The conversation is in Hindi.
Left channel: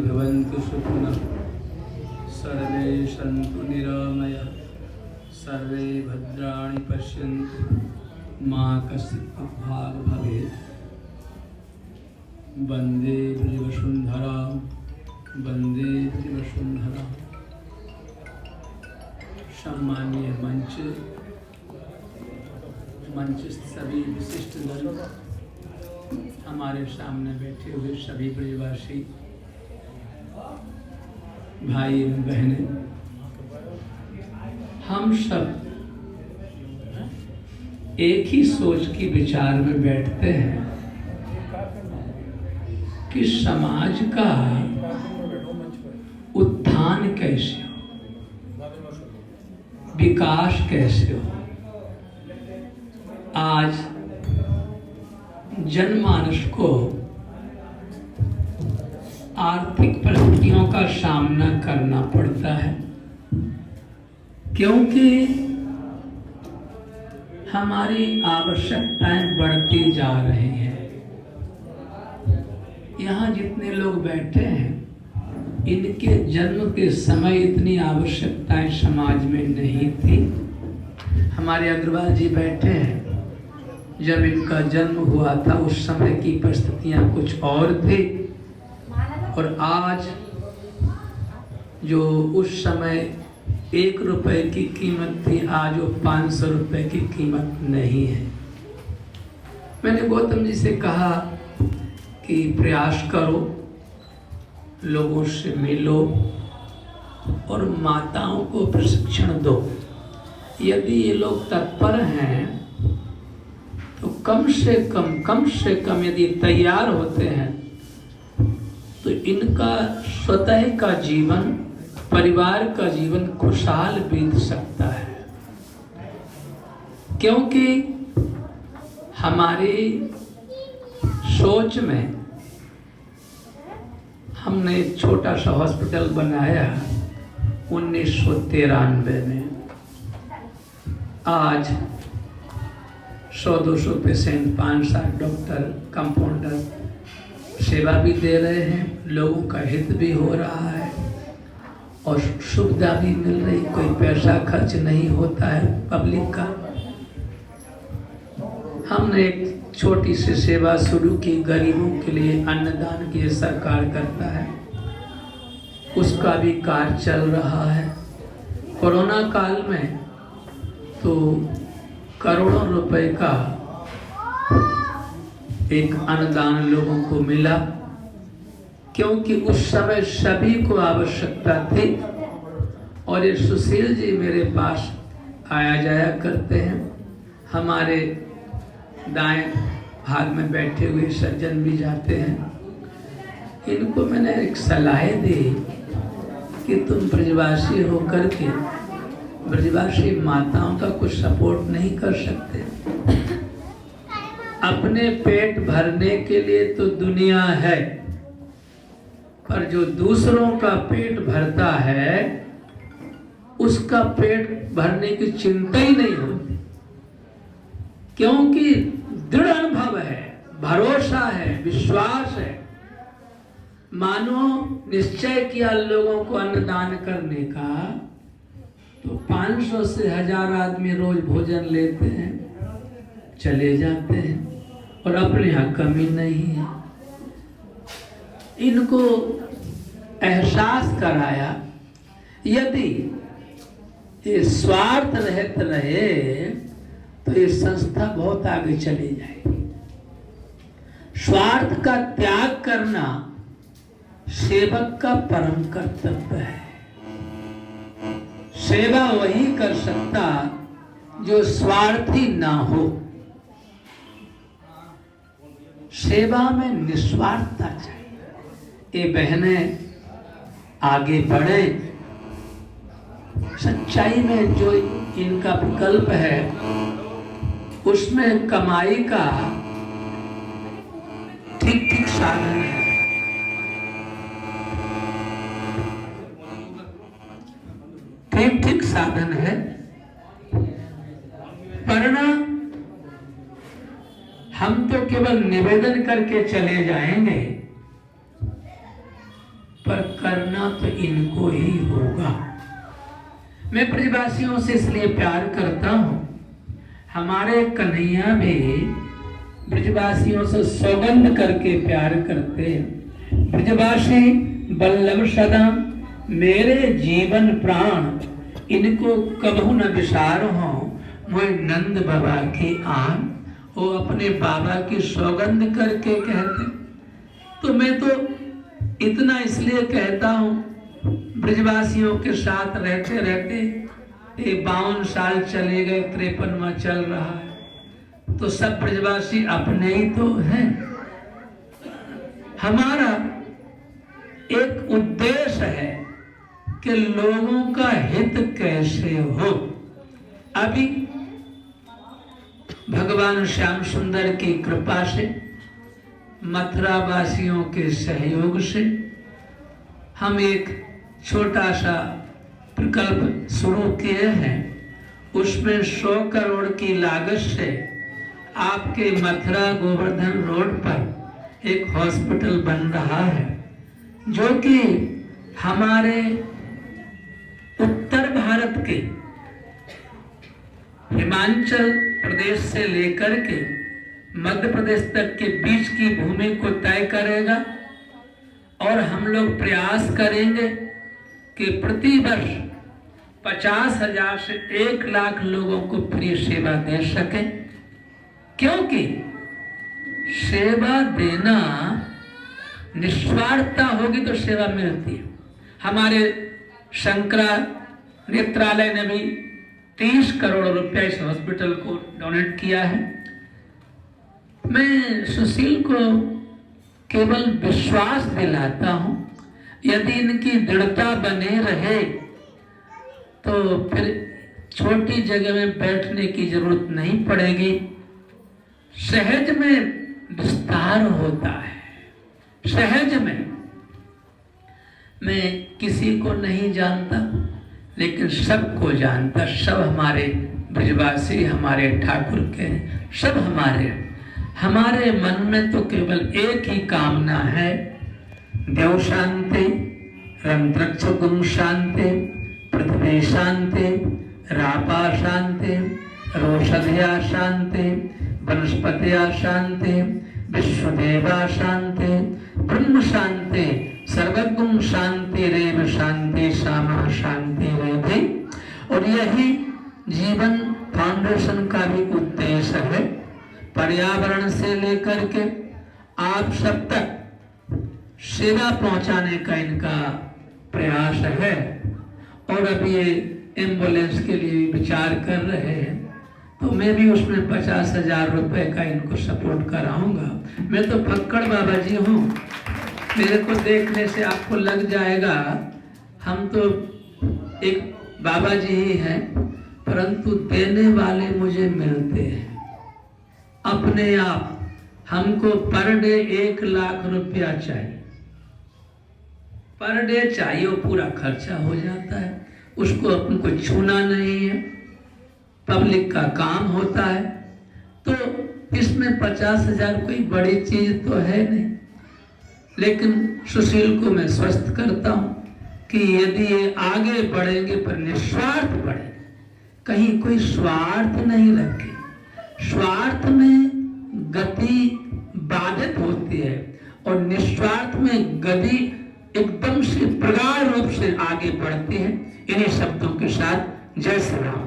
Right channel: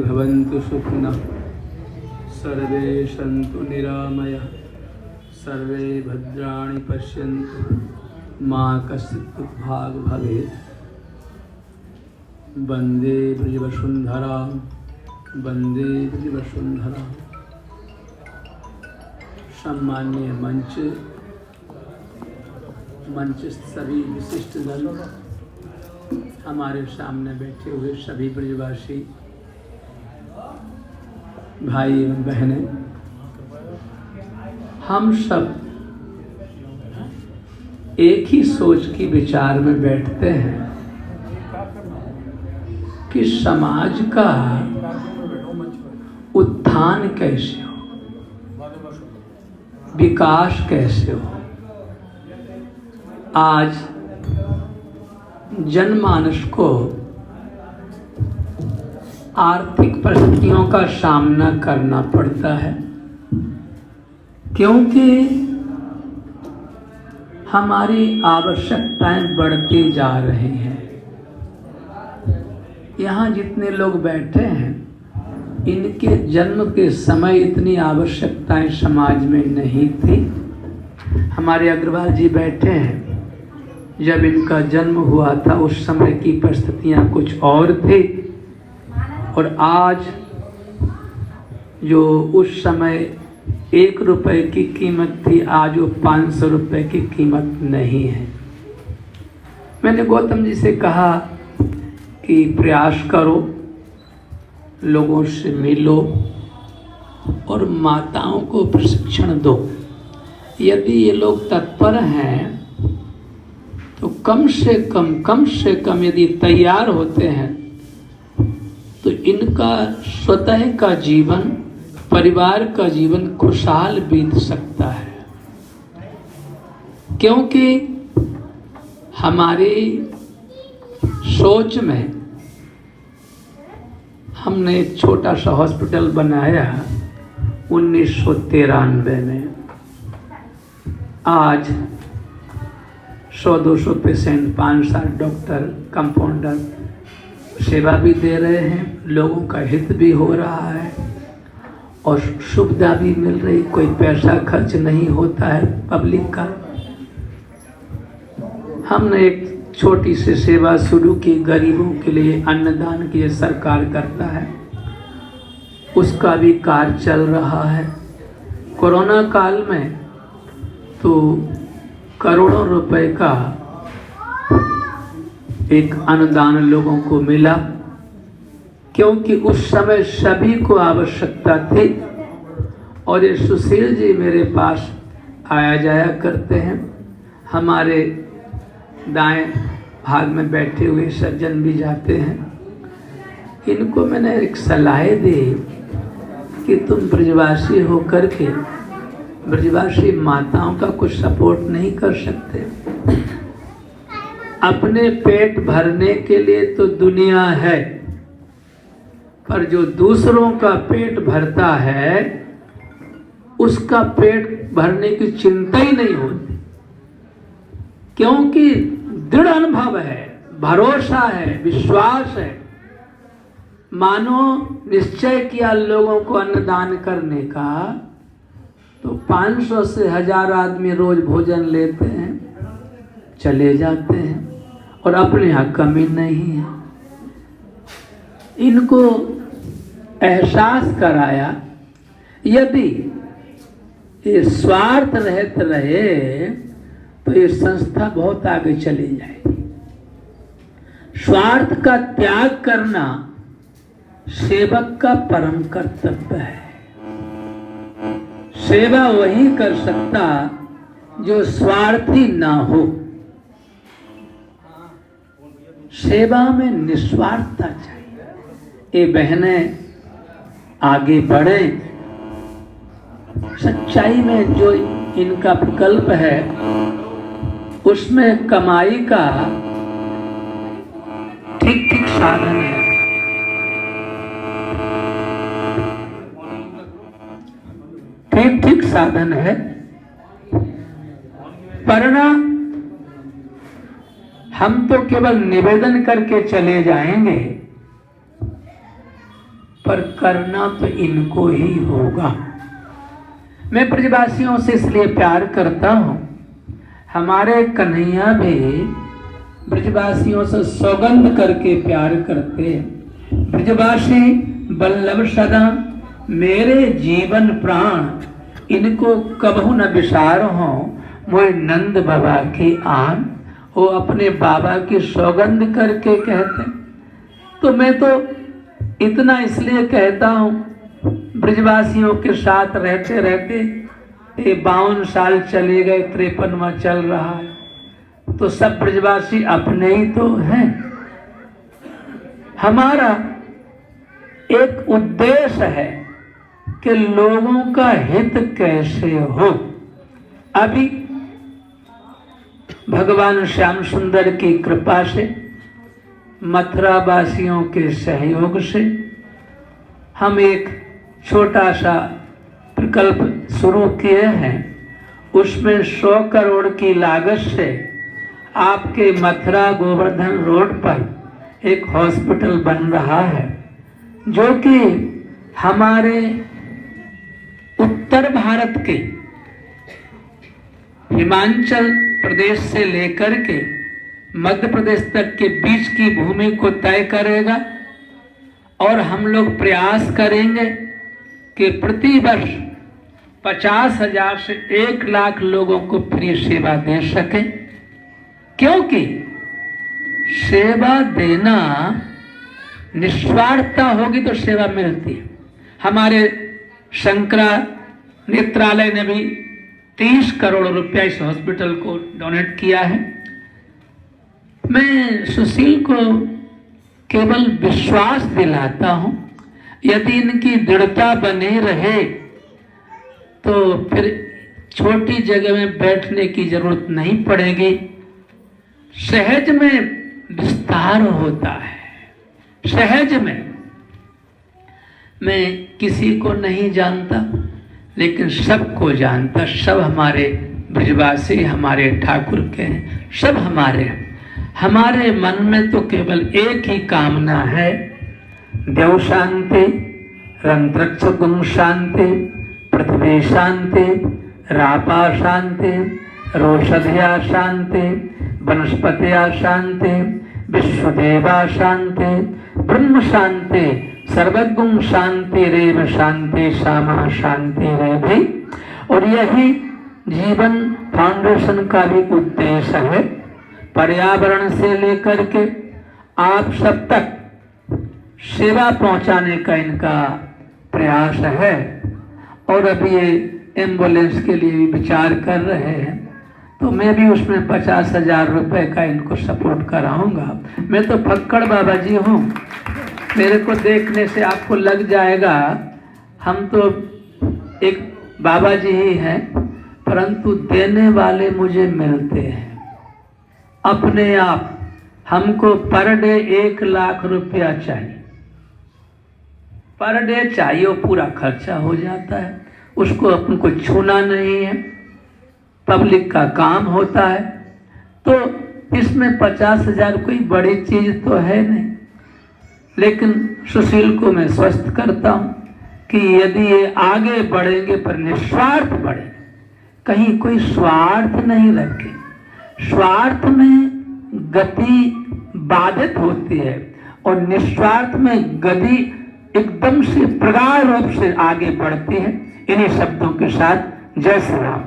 भवन्तु सुखिनः सर्वे सन्तु निरामयाः सर्वे भद्राणि पश्यन्तु मा कश्चित् दुःखभाग् भवेत्। वन्दे ब्रजवसुन्धरां वन्दे ब्रजवसुन्धरां। सम्मान्य मंच सभी विशिष्ट जन, हमारे सामने बैठे हुए सभी ब्रजवासी भाई एवं बहनें, हम सब एक ही सोच की विचार में बैठते हैं कि समाज का उत्थान कैसे हो, विकास कैसे हो। आज जनमानस को आर्थिक परिस्थितियों का सामना करना पड़ता है, क्योंकि हमारी आवश्यकताएं बढ़ती जा रही हैं। यहाँ जितने लोग बैठे हैं, इनके जन्म के समय इतनी आवश्यकताएं समाज में नहीं थी। हमारे अग्रवाल जी बैठे हैं, जब इनका जन्म हुआ था उस समय की परिस्थितियां कुछ और थी, और आज जो उस समय 1 रुपए की कीमत थी, आज वो 500 रुपए की कीमत नहीं है। मैंने गौतम जी से कहा कि प्रयास करो, लोगों से मिलो और माताओं को प्रशिक्षण दो। यदि ये लोग तत्पर हैं तो कम से कम यदि तैयार होते हैं तो इनका स्वतः का जीवन, परिवार का जीवन खुशहाल बीत सकता है। क्योंकि हमारी सोच में हमने एक छोटा सा हॉस्पिटल बनाया 1993 में। आज 100-200 पेशेंट, 5-7 डॉक्टर, कंपाउंडर सेवा भी दे रहे हैं, लोगों का हित भी हो रहा है और सुविधा भी मिल रही, कोई पैसा खर्च नहीं होता है पब्लिक का। हमने एक छोटी सी सेवा शुरू की, गरीबों के लिए अन्नदान की सरकार करता है, उसका भी कार्य चल रहा है। कोरोना काल में तो करोड़ों रुपए का एक अनुदान लोगों को मिला, क्योंकि उस समय सभी को आवश्यकता थी। और ये सुशील जी मेरे पास आया जाया करते हैं, हमारे दाएं भाग में बैठे हुए सज्जन भी जाते हैं। इनको मैंने एक सलाह दी कि तुम ब्रजवासी होकर के ब्रजवासी माताओं का कुछ सपोर्ट नहीं कर सकते। अपने पेट भरने के लिए तो दुनिया है, पर जो दूसरों का पेट भरता है उसका पेट भरने की चिंता ही नहीं होती, क्योंकि दृढ़ अनुभव है, भरोसा है, विश्वास है। मानो निश्चय किया लोगों को अन्नदान करने का, तो 500 से 1000 आदमी रोज भोजन लेते हैं, चले जाते हैं और अपने यहाँ कमी नहीं है। इनको एहसास कराया, यदि ये स्वार्थ रहित रहे तो ये संस्था बहुत आगे चली जाएगी। स्वार्थ का त्याग करना सेवक का परम कर्तव्य है। सेवा वही कर सकता जो स्वार्थी ना हो। सेवा में निस्वार्थता चाहिए। ये बहनें आगे बढ़े, सच्चाई में जो इनका विकल्प है उसमें कमाई का ठीक साधन है। ठीक साधन है, वरना हम तो केवल निवेदन करके चले जाएंगे पर करना तो इनको ही होगा। मैं ब्रजवासियों से इसलिए प्यार करता हूँ, हमारे कन्हैया भी ब्रजवासियों से सौगंध करके प्यार करते हैं। ब्रजवासी बल्लभ सदा मेरे जीवन प्राण, इनको कबहू न विसार हो मोए नंद बाबा की आन। वो अपने बाबा की सौगंध करके कहते। तो मैं तो इतना इसलिए कहता हूँ, ब्रजवासियों के साथ रहते रहते 52 साल चले गए, 53वां चल रहा है, तो सब ब्रजवासी अपने ही तो हैं। हमारा एक उद्देश्य है कि लोगों का हित कैसे हो। अभी भगवान श्याम सुंदर की कृपा से, मथुरा वासियों के सहयोग से हम एक छोटा सा प्रकल्प शुरू किए हैं। उसमें 100 करोड़ की लागत से आपके मथुरा गोवर्धन रोड पर एक हॉस्पिटल बन रहा है, जो कि हमारे उत्तर भारत के हिमाचल प्रदेश से लेकर के मध्य प्रदेश तक के बीच की भूमि को तय करेगा। और हम लोग प्रयास करेंगे कि प्रति वर्ष 50,000 से 1 लाख लोगों को फ्री सेवा दे सके, क्योंकि सेवा देना निस्वार्थता होगी तो सेवा मिलती है। हमारे शंकरा नेत्रालय ने भी 30 करोड़ रुपया इस हॉस्पिटल को डोनेट किया है। मैं सुशील को केवल विश्वास दिलाता हूं, यदि इनकी दृढ़ता बनी रहे तो फिर छोटी जगह में बैठने की जरूरत नहीं पड़ेगी। सहज में विस्तार होता है, सहज में। मैं किसी को नहीं जानता, लेकिन सबको जानता। सब हमारे ब्रजवासी, हमारे ठाकुर के, सब हमारे मन में तो केवल एक ही कामना है, देव शांति, रंत्रक्ष गुम शांति, पृथ्वी शांति, रापा शांति, रोषधिया शांति, वनस्पतिया शांति, विश्वदेवा शांति, ब्रह्म शांति, सर्वगुण शांति रेव शांति सामा शांति रेवि। और यही जीवन फाउंडेशन का भी उद्देश्य है। पर्यावरण से लेकर के आप सब तक सेवा पहुंचाने का इनका प्रयास है। और अभी ये एम्बुलेंस के लिए विचार कर रहे हैं, तो मैं भी उसमें 50,000 रुपए का इनको सपोर्ट कराऊंगा। मैं तो फक्कड़ बाबा जी हूँ, मेरे को देखने से आपको लग जाएगा हम तो एक बाबा जी ही हैं, परंतु देने वाले मुझे मिलते हैं अपने आप। हमको पर डे 1 लाख रुपया चाहिए, पर डे चाहिए, वो पूरा खर्चा हो जाता है, उसको अपन को छूना नहीं है, पब्लिक का काम होता है। तो इसमें 50,000 कोई बड़ी चीज तो है नहीं, लेकिन सुशील को मैं स्वस्थ करता हूं कि यदि ये आगे बढ़ेंगे पर निस्वार्थ बढ़े, कहीं कोई स्वार्थ नहीं रखे। स्वार्थ में गति बाधित होती है और निस्वार्थ में गति एकदम से प्रगाढ़ रूप से आगे बढ़ती है। इन्हीं शब्दों के साथ जय श्री राम।